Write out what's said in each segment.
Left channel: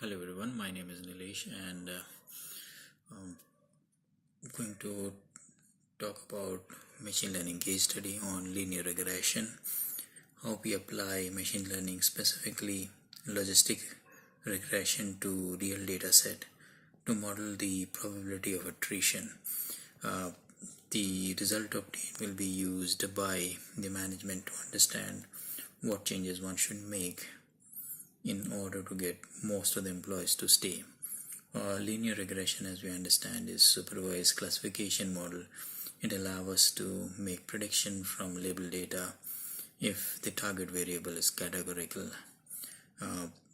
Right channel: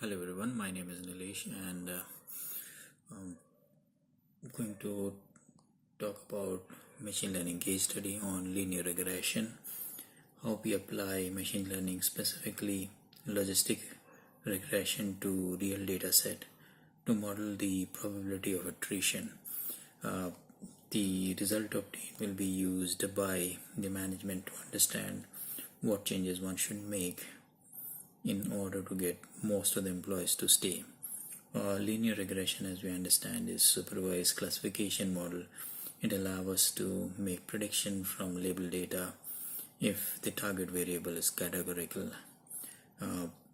Hello everyone, my name is Nilesh and I'm going to talk about machine learning case study on linear regression, how we apply machine learning, specifically logistic regression, to real data set to model the probability of attrition. The result obtained will be used by the management to understand what changes one should make in order to get most of the employees to stay. Linear regression, as we understand, is supervised classification model. It allows us to make prediction from label data if the target variable is categorical.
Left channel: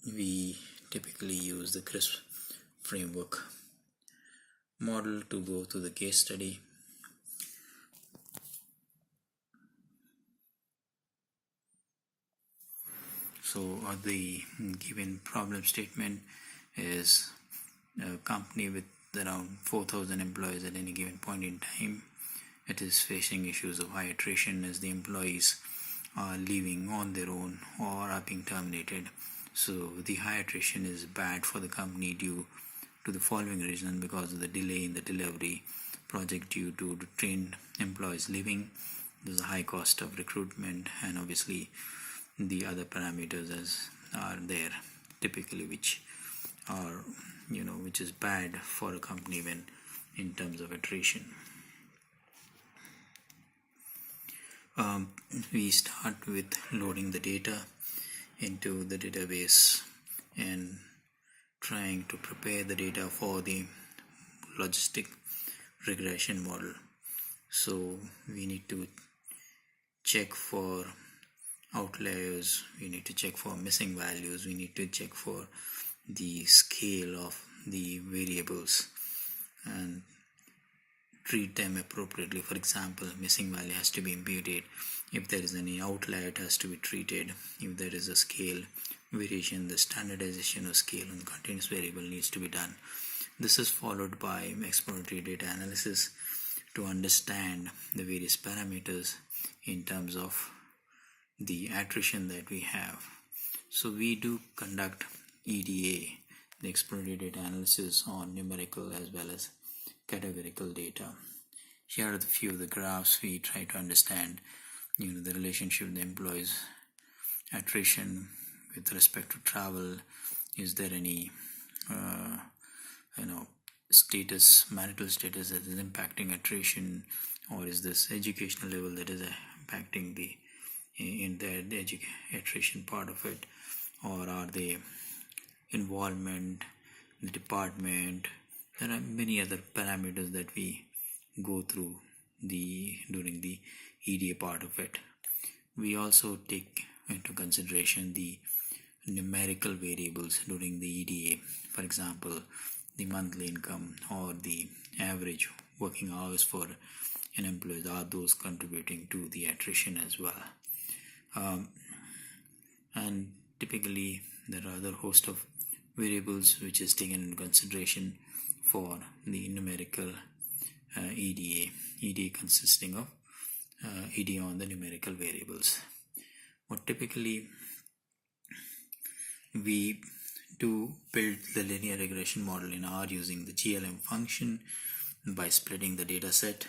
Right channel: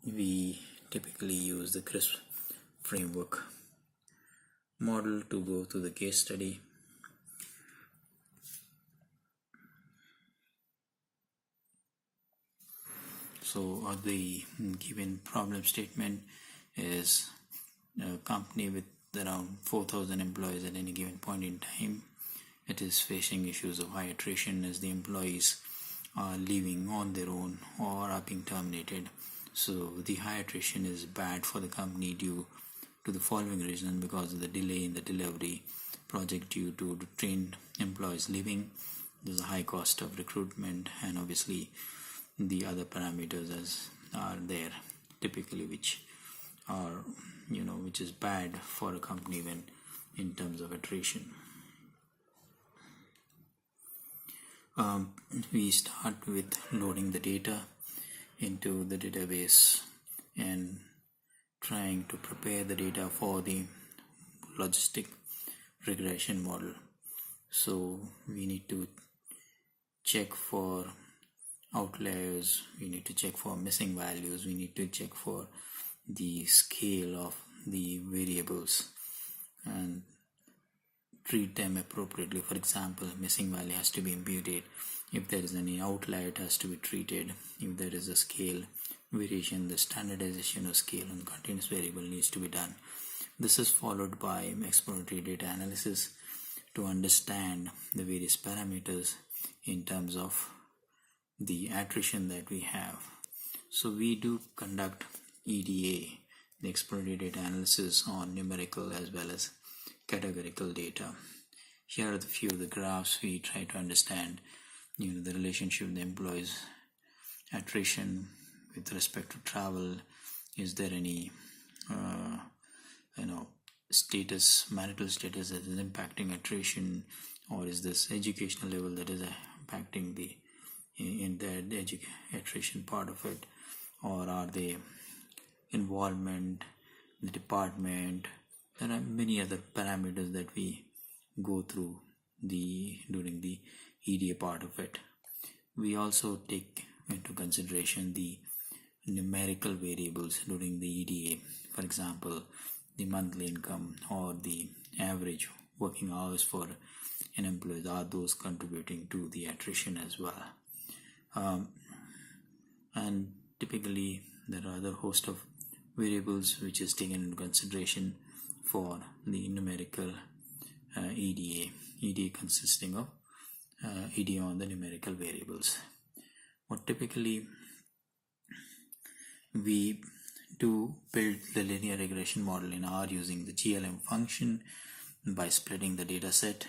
We typically use the CRISP framework model to go through the case study. So the given problem statement is a company with around 4,000 employees at any given point in time. It is facing issues of high attrition as the employees are leaving on their own or are being terminated. So the high attrition is bad for the company due to the following reason: because of the delay in the delivery project due to the trained employees leaving, there's a high cost of recruitment, and obviously the other parameters are there typically which are which is bad for a company when in terms of attrition. We start with loading the data into the database and trying to prepare the data for the logistic regression model. So we need to check for outliers, we need to check for missing values, we need to check for the scale of the variables and treat them appropriately. For example, missing value has to be imputed. If there is any outlier, it has to be treated. If there is a scale variation, the standardization of scale on continuous variable needs to be done. This is followed by exploratory data analysis to understand the various parameters in terms of the attrition that we have. So we do conduct EDA, the exploratory data analysis, on numerical as well as categorical data. Here are the few of the graphs. We try to understand the relationship of the employees attrition with respect to travel. Is there any status, marital status, that is impacting attrition, or is this educational level that is impacting the attrition part of it, or are they involvement, the department? There are many other parameters that we go through during the EDA part of it. We also take into consideration the numerical variables during the EDA. For example, the monthly income or the average working hours for an employee, are those contributing to the attrition as well? And typically there are other host of variables which is taken into consideration for the numerical EDA consisting of EDA on the numerical variables. What typically we do build the linear regression model in R using the GLM function by splitting the data set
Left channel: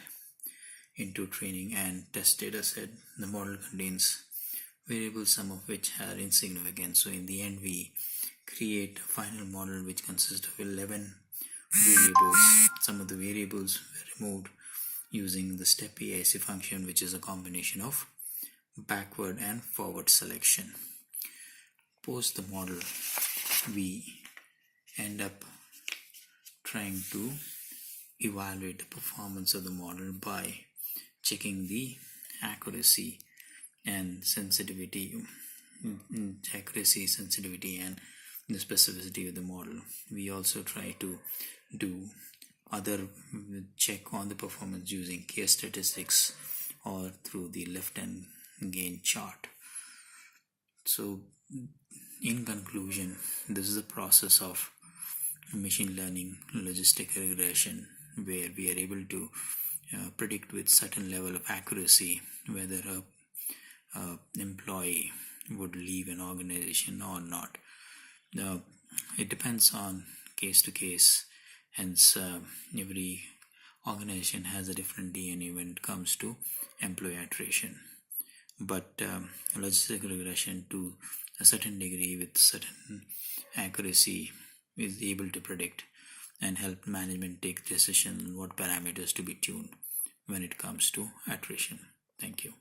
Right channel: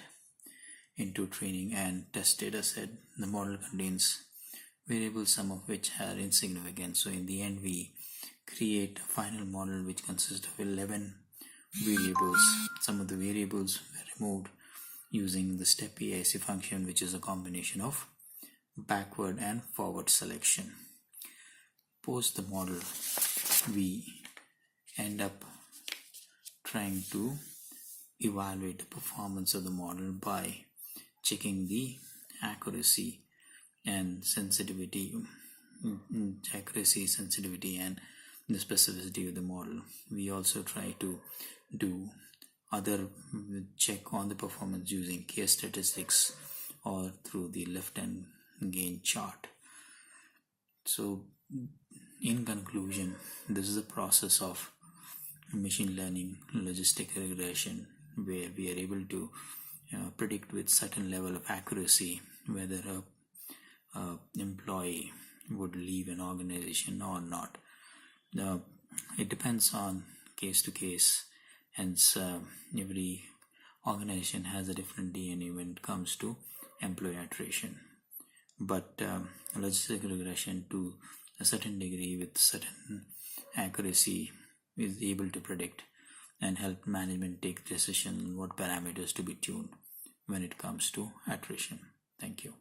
into training and test data set. The model contains variables, some of which are insignificant. So in the end, we create a final model which consists of 11 variables. Some of the variables were removed using the step AIC function, which is a combination of backward and forward selection. Post the model, we end up trying to evaluate the performance of the model by checking the accuracy, sensitivity, and the specificity of the model. We also try to do other check on the performance using case statistics or through the lift and gain chart. So in conclusion, this is a process of machine learning logistic regression where we are able to predict with certain level of accuracy whether a employee would leave an organization or not. it depends on case to case. Hence, every organization has a different DNA when it comes to employee attrition. But logistic regression, to a certain degree with certain accuracy, is able to predict and help management take decisions on what parameters to be tuned when it comes to attrition. Thank you.